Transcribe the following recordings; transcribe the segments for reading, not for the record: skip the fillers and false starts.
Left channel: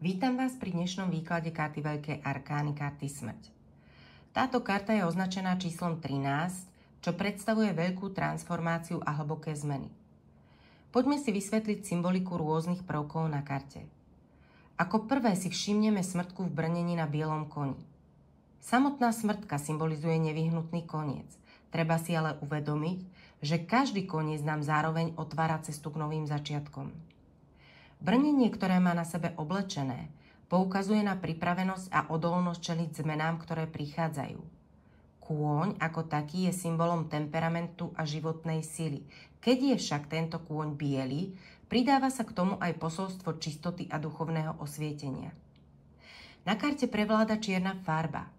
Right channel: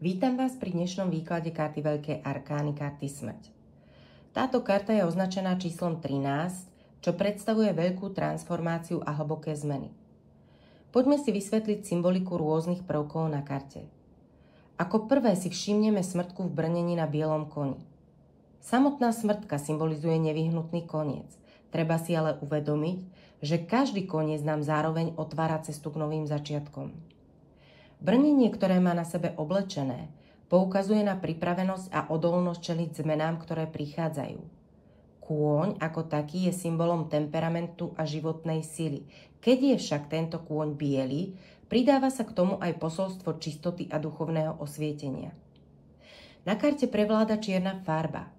Vítam vás pri dnešnom výklade karty Veľkej arkány, karty Smrť. Táto karta je označená číslom 13, čo predstavuje veľkú transformáciu a hlboké zmeny. Poďme si vysvetliť symboliku rôznych prvkov na karte. Ako prvé si všimneme smrtku v brnení na bielom koni. Samotná smrtka symbolizuje nevyhnutný koniec. Treba si ale uvedomiť, že každý koniec nám zároveň otvára cestu k novým začiatkom. Brnenie, ktoré má na sebe oblečené, poukazuje na pripravenosť a odolnosť čeliť zmenám, ktoré prichádzajú. Kôň ako taký je symbolom temperamentu a životnej sily. Keď je však tento kôň biely, pridáva sa k tomu aj posolstvo čistoty a duchovného osvietenia. Na karte prevláda čierna farba.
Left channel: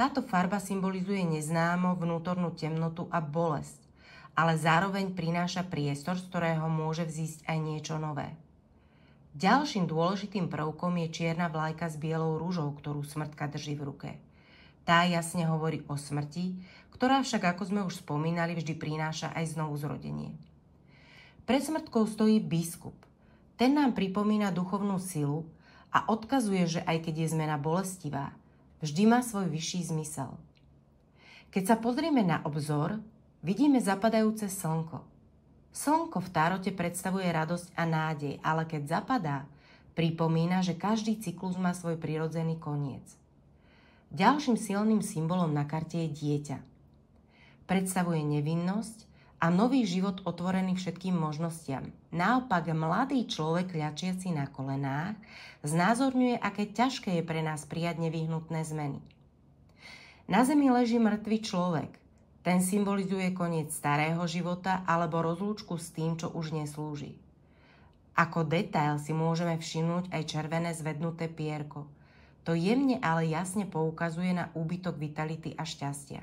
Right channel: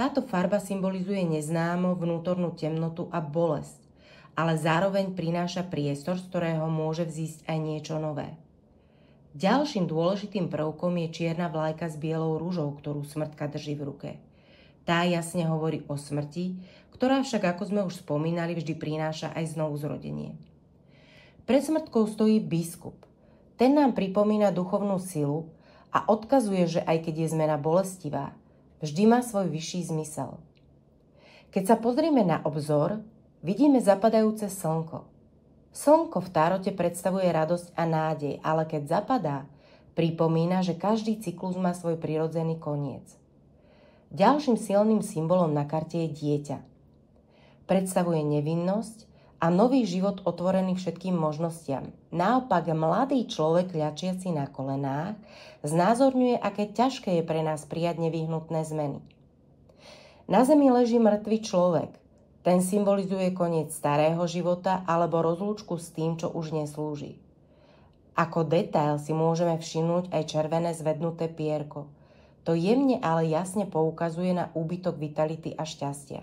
Táto farba symbolizuje neznámo, vnútornú temnotu a bolesť, ale zároveň prináša priestor, z ktorého môže vzísť aj niečo nové. Ďalším dôležitým prvkom je čierna vlajka s bielou ružou, ktorú smrtka drží v ruke. Tá jasne hovorí o smrti, ktorá však, ako sme už spomínali, vždy prináša aj znovuzrodenie. Pred smrtkou stojí biskup. Ten nám pripomína duchovnú silu a odkazuje, že aj keď je zmena bolestivá, vždy má svoj vyšší zmysel. Keď sa pozrieme na obzor, vidíme zapadajúce slnko. Slnko v tárote predstavuje radosť a nádej, ale keď zapadá, pripomína, že každý cyklus má svoj prirodzený koniec. Ďalším silným symbolom na karte je dieťa. Predstavuje nevinnosť a nový život otvorený všetkým možnostiam. Naopak mladý človek ľačiaci na kolenách znázorňuje, aké ťažké je pre nás prijať nevyhnutné zmeny. Na zemi leží mŕtvy človek. Ten symbolizuje koniec starého života alebo rozlúčku s tým, čo už neslúži. Ako detail si môžeme všimnúť aj červené zvednuté pierko. To jemne, ale jasne poukazuje na úbytok vitality a šťastia.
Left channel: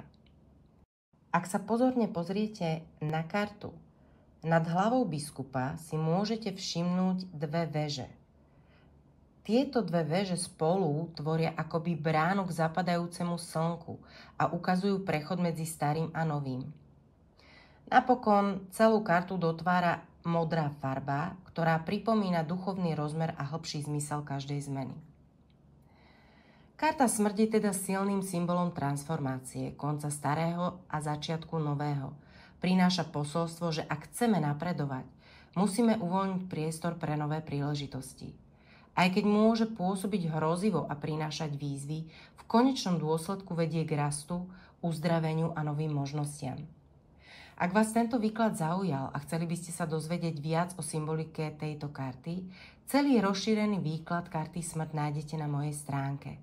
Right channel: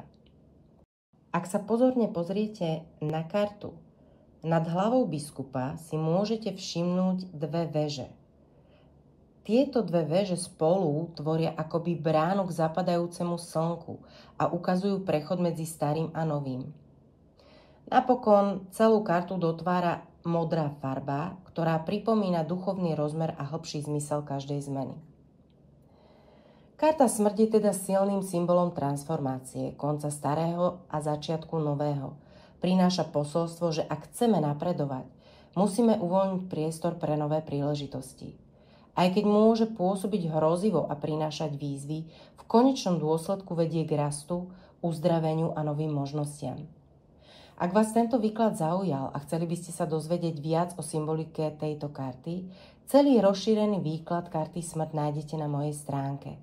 Ak sa pozorne pozriete na kartu, nad hlavou biskupa si môžete všimnúť dve veže. Tieto dve veže spolu tvoria akoby bránu k zapadajúcemu slnku a ukazujú prechod medzi starým a novým. Napokon celú kartu dotvára modrá farba, ktorá pripomína duchovný rozmer a hlbší zmysel každej zmeny. Karta smrť je teda silným symbolom transformácie, konca starého a začiatku nového. Prináša posolstvo, že ak chceme napredovať, musíme uvoľniť priestor pre nové príležitosti. Aj keď môže pôsobiť hrozivo a prinášať výzvy, v konečnom dôsledku vedie k rastu, uzdraveniu a novým možnostiam. Ak vás tento výklad zaujal a chceli by ste sa dozvedieť viac o symbolike tejto karty, celý rozšírený výklad karty smrť nájdete na mojej stránke.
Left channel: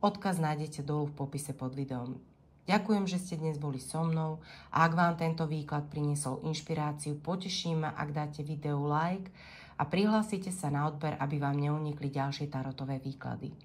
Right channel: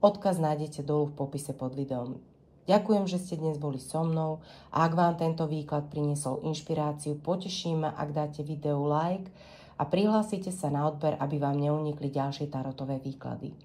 Odkaz nájdete dolu v popise pod videom. Ďakujem, že ste dnes boli so mnou a ak vám tento výklad priniesol inšpiráciu, poteším ma, ak dáte videu like a prihlásite sa na odber, aby vám neunikli ďalšie tarotové výklady.